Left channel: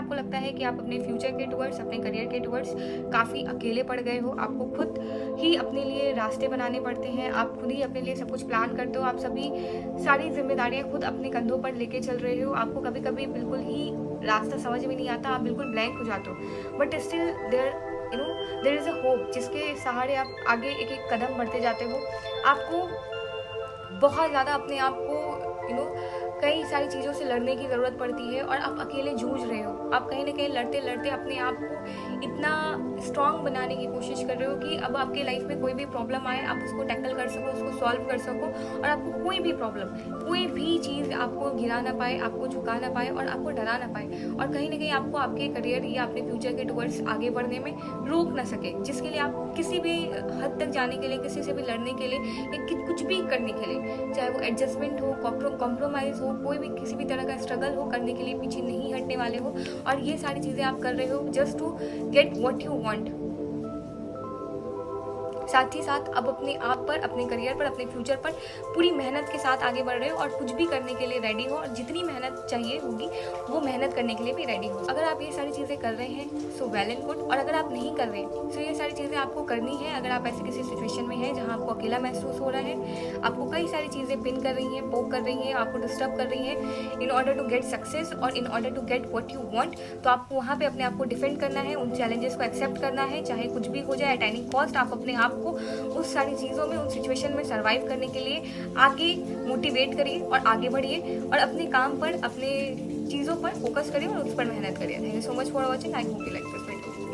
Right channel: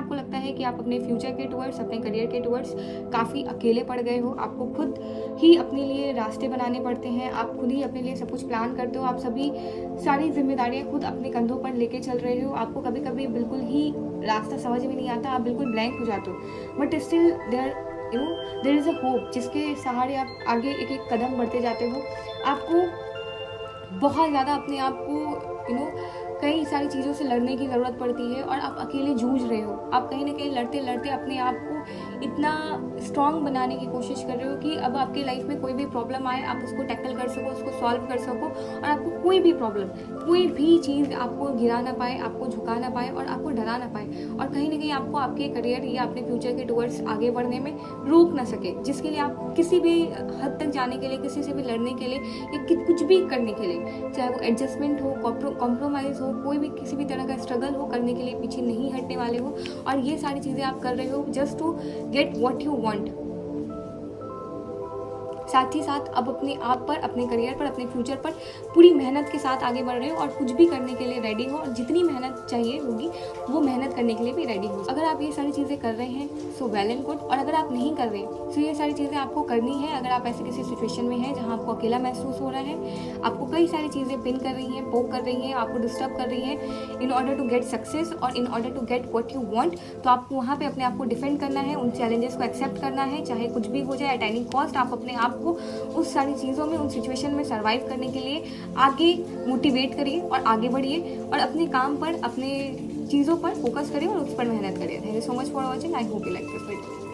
आपको लगता है कि आप अपने फ्यूचर के टुवर्ड्स, अपने करियर के टुवर्ड्स काफ़ी अकेले पड़ गए हो, आपको खुद ही अपने लिए रास्ते बनाने पड़ते हैं, आप खुद ही अपने लिए सब कुछ प्लान करते हो, आप सभी सारी जिम्मेदारियां खुद अपने कंधों पर लेके चल रहे हो, आपको कभी कभी बिल्कुल ही रास्ता समझ में नहीं आता, आप बिल्कुल ब्लैंक हो जाते हो, but still there is a hope जिसके सहारे आप आगे एक एक कदम बढ़ते जाते हो। आपको बहुत ज़्यादा अपने आप को कई सारी चीज़ों से लड़ने की ज़रूरत पड़ती है और आप अकेले जूझ रहे हो, आप कहीं ना कहीं लड़ते लड़ते अपने आप को इतना स्ट्रांग बनाने की कोशिश कर रहे हो कि अब आपके लाइफ में कोई भी प्रॉब्लम आए आप उसको टैकल कर सको, उसको सॉल्व कर सको और आपको कोई भी प्रॉब्लम, कोई भी चीज़ आपको गिरा ना पाए, आपको झुका ना पाए और आपको डरा ना पाए और कहीं ना कहीं आपको आपके करियर या अपने फ्यूचर के टुवर्ड्स आगे बढ़ने में रोक ना सके, जिसके लिए आप किसी भी हद तक जाने के लिए, किसी से भी लड़ने के लिए या कुछ भी करने के लिए, चाहे वो एडजस्टमेंट हो, कॉम्प्रोमाइज़ हो, कोई भी किसी भी तरह का स्ट्रगल हो, करने के लिए पीछे नहीं हटने वाले हो और ये सारी चीज़ें आप कर रहे हो just to get what you want. साथ ही साथ अब अपने आप पर, अपने करियर पर, अपने फ्यूचर पर पूरी मेहनत के साथ आगे बढ़ रहे हो और कुछ भी करने के लिए रेडी हो और जितनी मेहनत चाहिए होगी वो मेहनत करने के लिए भी रेडी हो। अगर आप ये सारी चीज़ें कर रहे हैं सो वेल एंड गुड, और अगर आप नहीं कर रहे सो ये सारी चीज़ें आपको करनी है। अगर आप ऐसे किसी सिचुएशन में हैं जहाँ आपको अकेला महसूस हो रहा है, आपको कई सारी चीज़ें पिन कर रही हैं, पोक कर रही हैं, आपको डिस्टर्ब कर रही हैं in order to get success और in order to get what you want, तो आपको वहाँ पे अपने आप को डिफेंड करना है, उन चैलेंजेस को एक्सेप्ट करना है, चाहे कुछ भी हो जाए, एट एनी कॉस्ट आप अपने आप को उस सारी चीज़ों में, उन सिचुएशन में सर्वाइव करने के लिए आगे मोटिवेट करिए और आगे बढ़िए और अपने काम पर, अपने चीज़ों पर फोकस करिए और उस पर मेहनत करिए। Thank you so much for watching. I hope you like this video.